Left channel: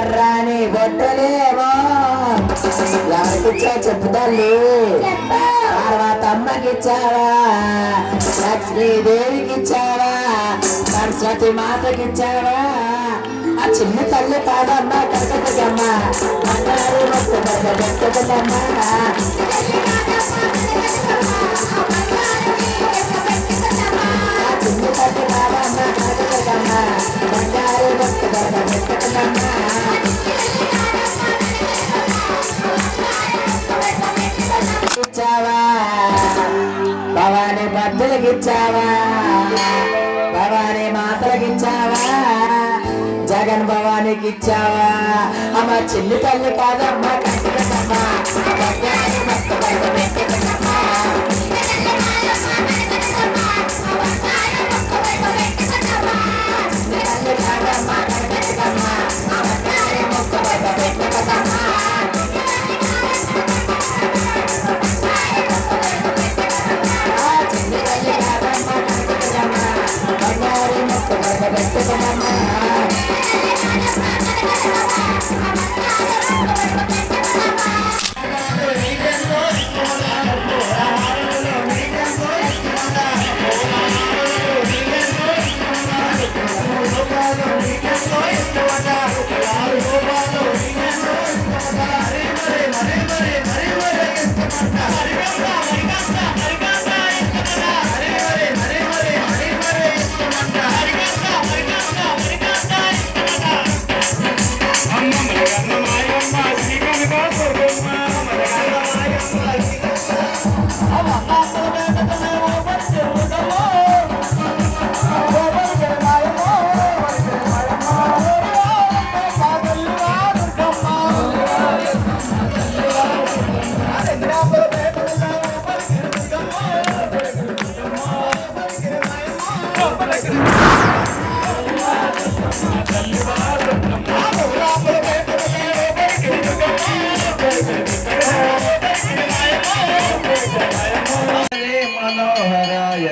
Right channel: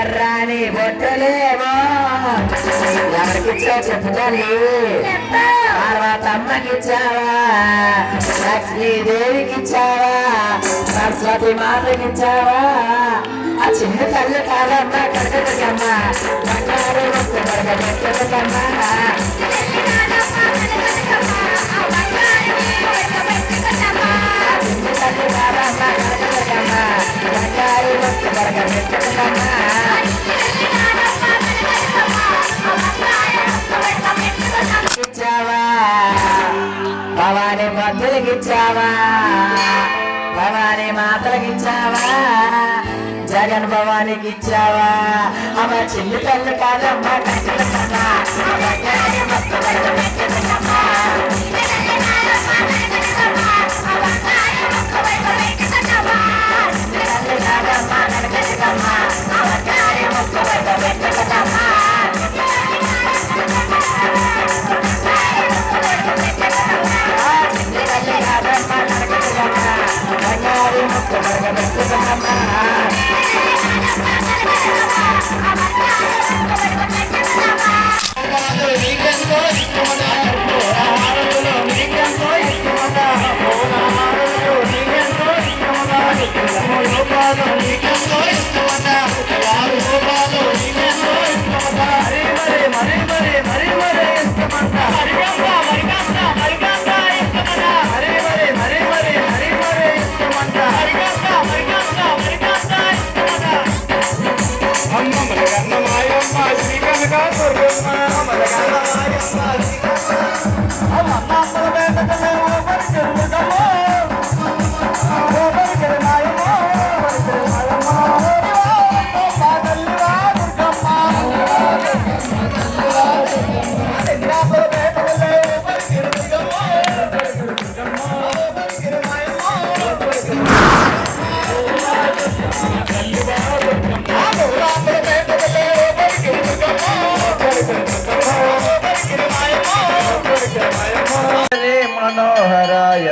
ఎర్రాని బొట్టలేమో ఎవరికిచ్చా చెప్పుతాలి తర్వాత అమ్మకిచ్చావా లక్ష్మీదేవికిచ్చావా సరస్వతి మాతకిచ్చావా ఆ చిన్న తల్లి కాదమ్మ కట్టకమ్మ బంగారు పెట్టకమ్మ చిన్న తల్లి కాదమ్మ కట్టకమ్మ బంగారు పెట్టకమ్మ భవాని భద్రులకిచ్చావా భవాని మాతలకిచ్చావా జగన్ భవానికిచ్చావా అమ్మ చిన్న తల్లి కాదమ్మ కట్టకమ్మ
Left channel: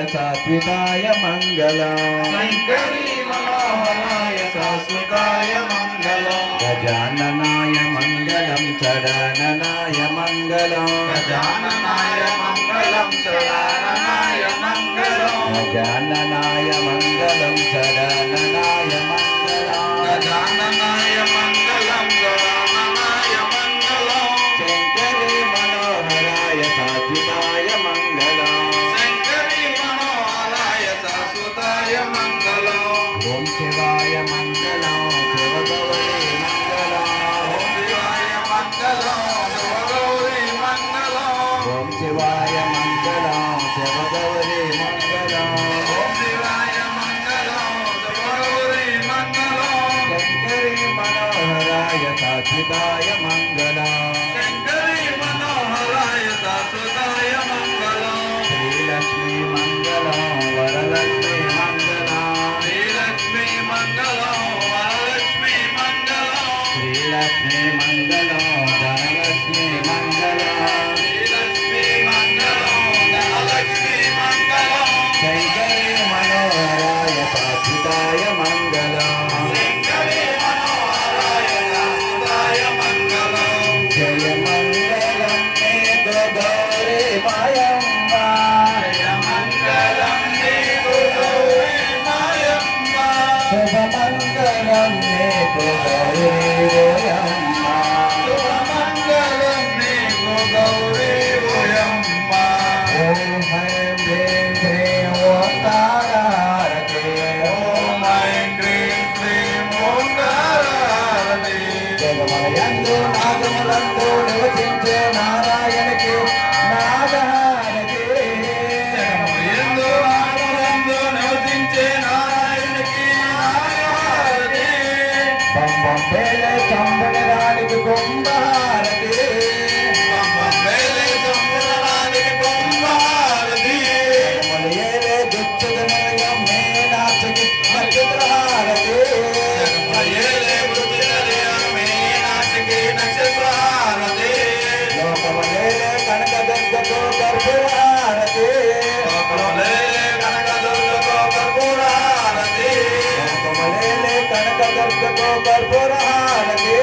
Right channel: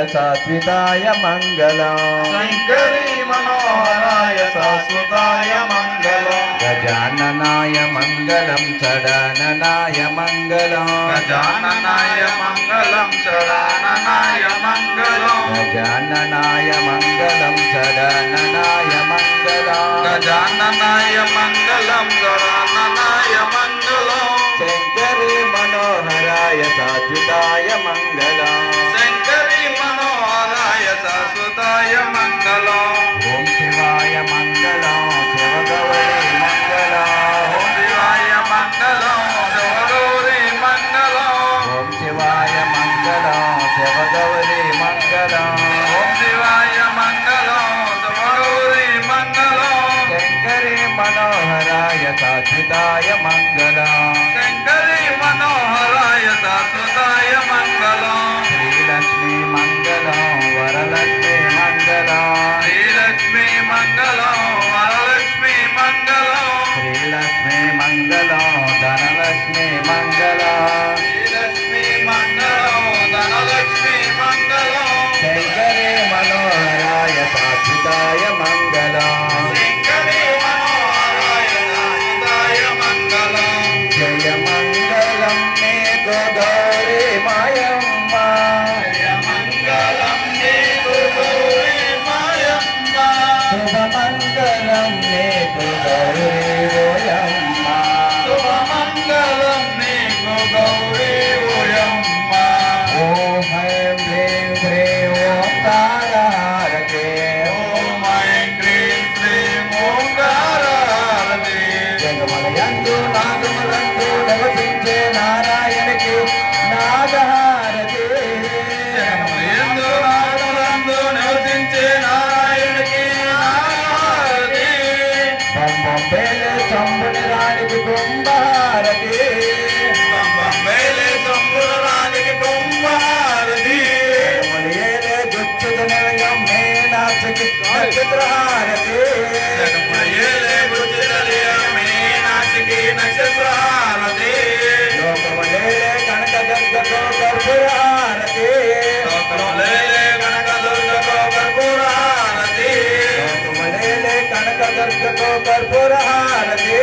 सात्विकाय मंगलम शंकरी मनोहराय शाश्वताय मंगलम गजाननाय मंगलम षडाननाय मंगलम गजाननाय मंगलम षडाननाय मंगलम गजाननाय मंगलम षडाननाय मंगलम गजाननाय मंगलम षडाननाय मंगलम शंकरी मनोहराय सात्विकाय मंगलम शाश्वताय मंगलम ओम शिवाय मंगलम शिवगौरी मंगलम ओम शिवाय मंगलम शिवगौरी मंगलम ओम शिवाय मंगलम शिवगौरी मंगलम ओम शिवाय मंगलम शिवगौरी मंगलम शंकरी मनोहराय शाश्वताय मंगलम शंकरी मनोहराय शाश्वताय मंगलम श्रीलक्ष्मी मंगलम वरलक्ष्मी मंगलम श्रीलक्ष्मी मंगलम वरलक्ष्मी मंगलम श्रीलक्ष्मी मंगलम धनलक्ष्मी मंगलम श्रीलक्ष्मी मंगलम సుతాయ మంగళం శంకరి మనోహరాయ సుతాయ మంగళం జయ మంగళం మే గోదావరి మాయమ్మ జయ మంగళం మే గోదావరి మాయమ్మ శుభ మంగళం మే గోదావరి ఓయమ్మ శుభ మంగళం మే గోదావరి ఓయమ్మ ఓం హ్రీం హ్రీం హ్రీం ఓంకారహారతే ఓం హ్రీం హ్రీం హ్రీం ఓంకారహారతే జగమలయందు నాగములందు నివసించే నారాయణకి నాగహారతే జగమలయందు నాగములందు నివసించే నారాయణకి నాగహారతే పంపం పేలే సంబని రాణికి కుంభహారతి పంపం పేలే సంబని రాణికి కుంభహారతి జగమలయేలే గుచ్చుదనయం మేనాక్షకి నక్షత్రహారతి జగమలయేలే గుచ్చుదనయం మేనాక్షకి నక్షత్రహారతి లోకమలేలే కనక దుర్గతో కర్పూరహారతి లోకమలేలే కనక దుర్గతో కర్పూరహారతి లోకమలేలే కనక దుర్గతో కర్పూరహారతి